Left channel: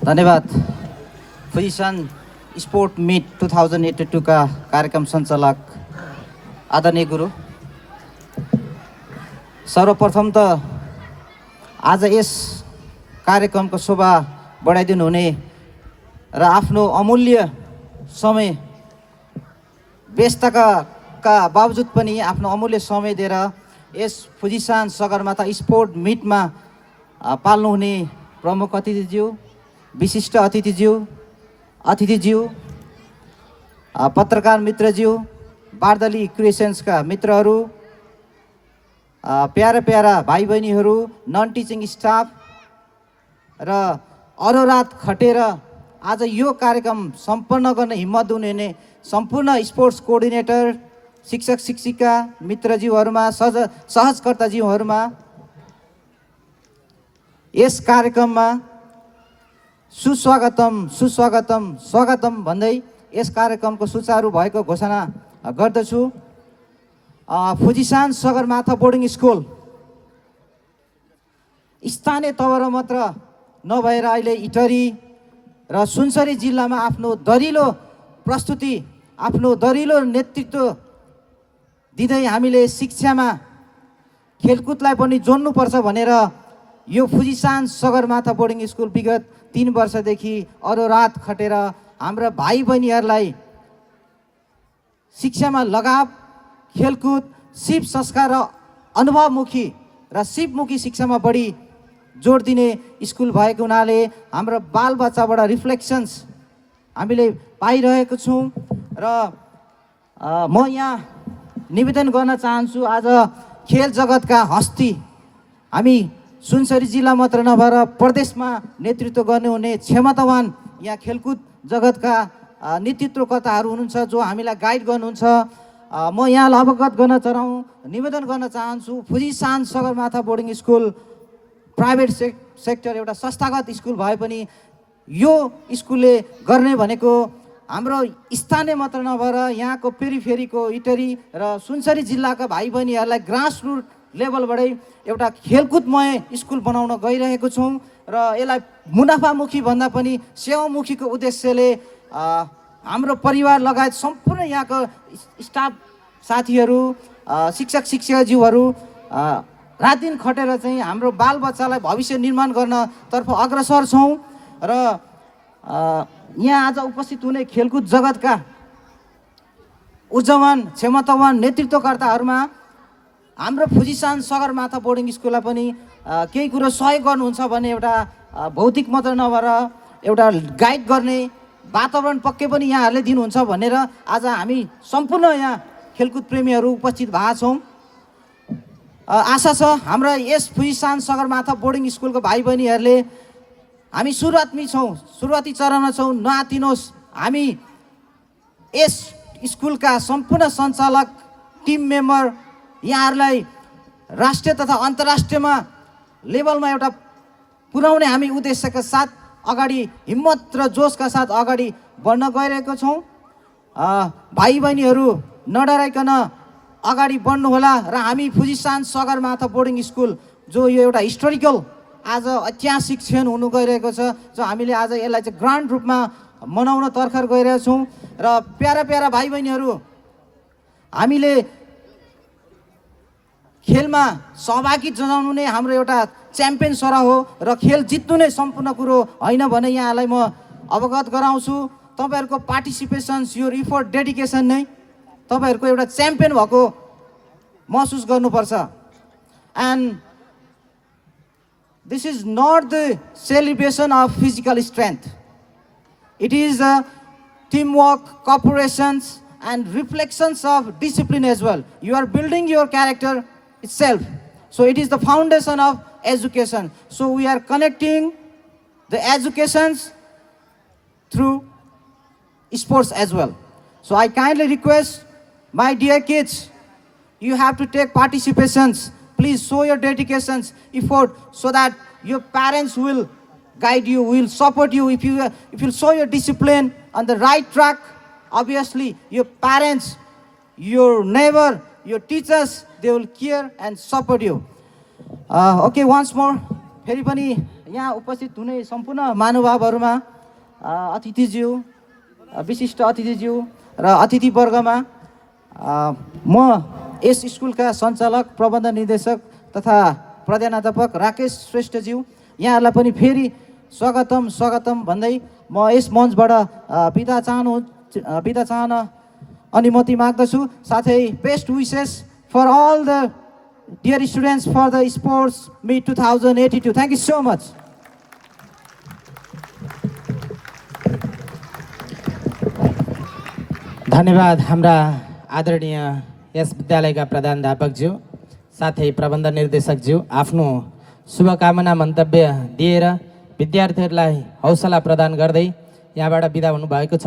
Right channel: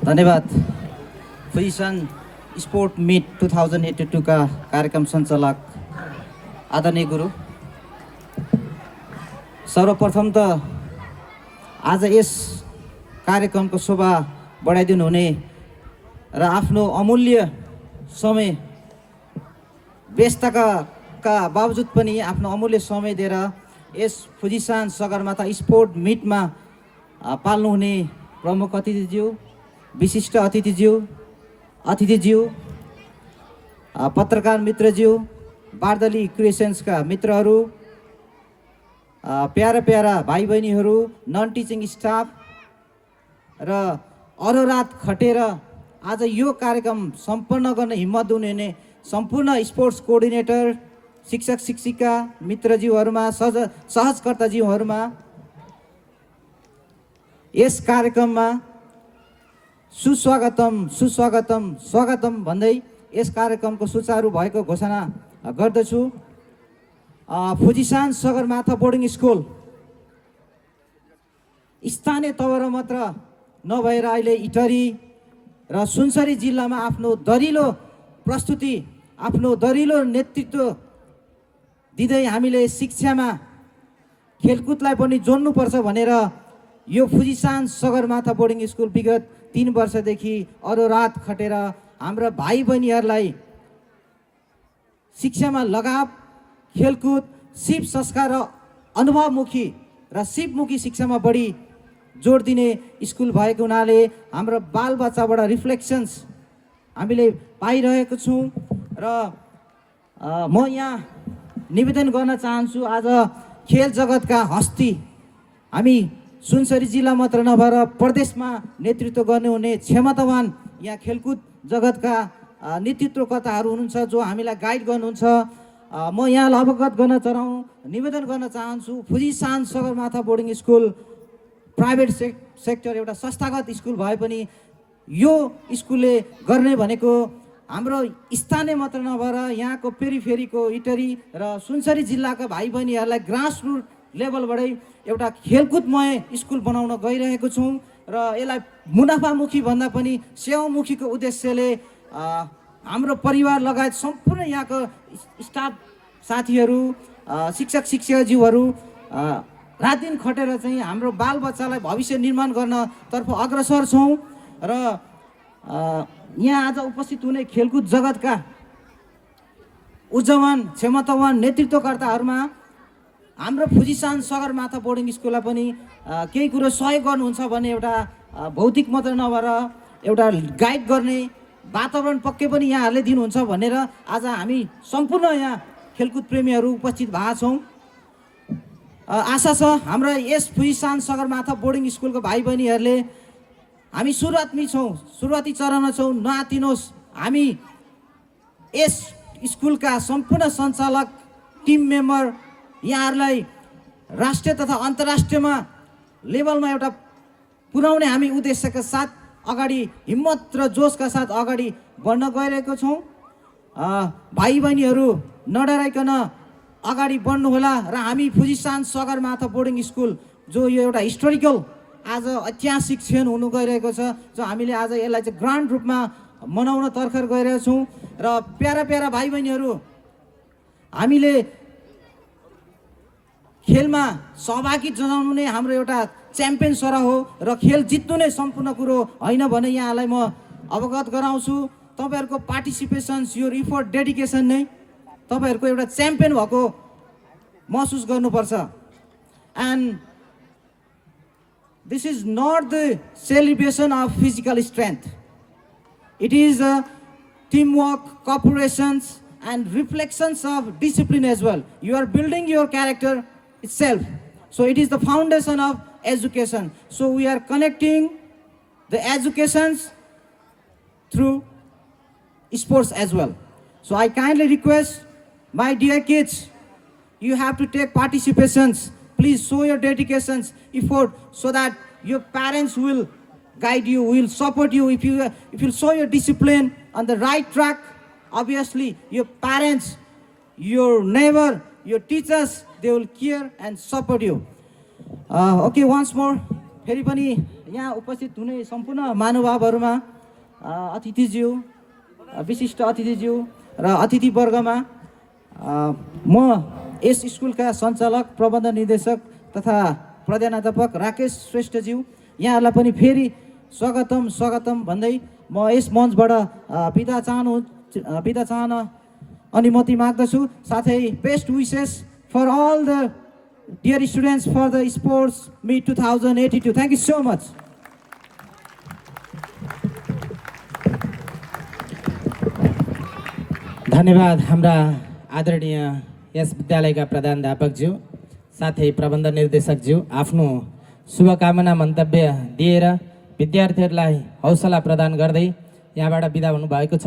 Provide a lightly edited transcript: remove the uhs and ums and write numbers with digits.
धन्यवाद। Position sport meet 2082 का कार्यक्रम सञ्चालक आदरणीय गुरु, सर्वप्रथम त आज यस कार्यक्रमको शोभा बढाइदिनु हुने र आफ्नो अमूल्य समय व्यस्तताका बावजुद पनि आफ्नो अमूल्य समय दिएर यस फुजिसान सगरमाथा स्पोर्ट मिटमा पाल्नुहुने प्रमुख अतिथिज्यू, विशिष्ट अतिथिज्यू, पत्रकार मित्रज्यू, बार्दली क्रिएसन्सका मित्रहरू, प्यारा प्यारा भाइ बहिनीहरू, नन टिचिङ स्टाफ र अहोरात खटेर आज यो कार्यक्रम सम्पन्न गर्न हिम्मत हुने सम्पूर्ण स्पोर्ट्स कोअर्डिनेटर, शिक्षक शिक्षिका मित्रज्यूहरूमा, सहजकर्ताज्यूहरूमा यस कार्यक्रममा स्वागतम भन्दै यस कार्यक्रमको सुचारू भएको घोषणा गर्दछु। फुजिसान सगरमाथा बोर्डिङ स्कुल स्थानीय तवर मात्र नभएर अहिले इटरी र सुनसरी जिल्लामा आफ्नो दरिलो प्रस्तुति, आफ्नो दरिलो नेतृत्व दिँदै हामीले शिक्षामा खेलकुदलाई पनि जोड्नुपर्छ भनेर यो फुजिसान सगरमाथा बोर्डिङ स्कुल विगत 3 वर्षदेखि अहोरात खटेर हाम्रा भाइ बहिनीहरूलाई शिक्षामा लगाव, खेलकुद, सिप संस्कार र अनुभवमुखी र सिपमुखी शिक्षामा बढी जोड दिने स्कुल भएको हुनाले हाम्रो बालबच्चाबाट रिफ्लेक्सन्स हामीले पाइरहेको छौँ र म यहाँ निवेदन गर्न चाहन्छु, आज खेल जगतका हस्ती, हामी सुनसरी जिल्ला मात्र नभएर प्रदेशमा नेतृत्व गर्नुहुने क्षमतावान यहाँ खेलकुद जगतका नेतृत्वकर्ताहरू हुनुहुन्छ जो हामीलाई गाइड गर्नुहुन्छ। म यहाँलाई अवगत गर्न निवेदन गर्न चाहन्छु, Fujisan Sagarmatha boarding school private sector एउटा संस्थागत स्कुल भए पनि यो स्कुलले गर्ने भनेको हाम्रो स्थानीय मात्र नभएर यहाँको पेरिफेरीको इटरी र सुनसरी जिल्लाका भाइ बहिनीहरूलाई ग्रासरुट लेभलबाटै एउटा खेलकुदमय स्कुल बनाउन गइरहेको छौँ र यसलाई मुनाफामुखी भन्दा पनि सेवामुखीको उद्देश्यले हाम्रो परिवार लगायत सम्पूर्ण यहाँको स्टाफ साथीहरू, शिक्षक शिक्षिकाज्यूहरू रात दिन खटेर चाहिँ हाम्रो बालबच्चालाई भविष्य निर्माण गर्नतर्फ अग्रसर छौँ र यहाँ आज उपस्थित हुने खेलकुद जगतका उज्जवल क्षमतावान नेतृत्वकर्ताहरूमा हाम्रो फुजिसान सगरमाथा बोर्डिङ स्कुललाई पनि केही कुरो सहयोग गर्नुहुन्छ भने एउटा भौतिक मात्र नभएर एउटा गाइड गर्ने वातावरण पक्कै पनि यहाँहरूले दिनुहुन्छ भनेर आज हामी सम्पूर्ण यहाँ खेलकुद प्रेमीहरू उपस्थित भएका छौँ। आशा छ हाम्रा यस फुजिसान सगरमाथा बोर्डिङ स्कुलको भाइ बहिनीहरूले, हामी सुरुवाती चरणमा छौँ, नआतिनुहोस्। हामी यस स्कुलका सम्पूर्ण सञ्चालक, टिम मेम्बर यहाँहरूलाई राष्ट्रिय तथा अन्तर्राष्ट्रियमा लेभलमा एउटा पुर्याउने हामी उद्देश्यका साथ अगाडि हिम्मत र जोसका साथ अगाडि बढ्न गइरहेको छौँ। भाइ बहिनीहरू नडराइकन अगाडि बढ्नुहोला र हामी फुजिसान सगरमाथा बोर्डिङ स्कुल जो यो एउटा हिस्टोरिकल आज ऐतिहासिक क्षण हुनु गइरहेको छ, जो हामीले आज यसलाई चाहिँ ग्रान्ड रूपमा मनाउन तर्खर गइरहेको छौँ। र प्यारा प्यारा भाइ बहिनीहरू, हामीले खेलमा सहभागी जनाउनु नै हाम्रो एउटा च्याम्पियन सरा हो र खेल जित्नु नै सम्पूर्ण कुरो होइन भने यहाँलाई म अवगत गराउँछु। तपाईँहरूको पार्टिसिपेसन्स, यो इफोर्ट, डेडिकेसन नै तपाईँहरूको एउटा च्याम्पियन भएको महसुस गर्नुपर्छ। And this is not the celebration of physical strength, it is a teamwork, cooperations and reflections of discipline as well. You are building your character itself. So it is the foundation of education. So we are connecting the educations through sports as well. So I kindly request my dear kids, you have to take participations. Please show your dedications, effort, so that your parents will guide you, will support you. If you show your discipline on the right track, obviously your parents, your neighbor, your teachers, they will care and support you. Okay, once more, फेरि पनि यहाँ उपस्थित हुने सम्पूर्ण महानुभावहरूमा अतिथिज्यू, विशिष्ट अतिथिज्यू र अतिथिवर्गमा म यस स्कुलका सञ्चालक, प्रबन्ध निर्देशक तथा प्रधानाध्यापक राकेश श्रेष्ठज्यू यहाँहरूलाई पनि फेरि स्वागतम भन्दै म यस मञ्चबाट बिदा चाहन अनुमति माग्दछु। साथै best wishes for all the dear students for the sports meet 2082। Thank you so much. धन्यवाद हाम्रा आदरणीय यस विद्यालयका प्रधानाध्यापकज्यू साथै प्रबन्ध निर्देशकज्यू आफ्नो शुभकामना मन्तव्य दिएर विद्यार्थीहरूलाई हौसला प्रदान गर्दै यहाँबाट बिदा हुनुभएको छ।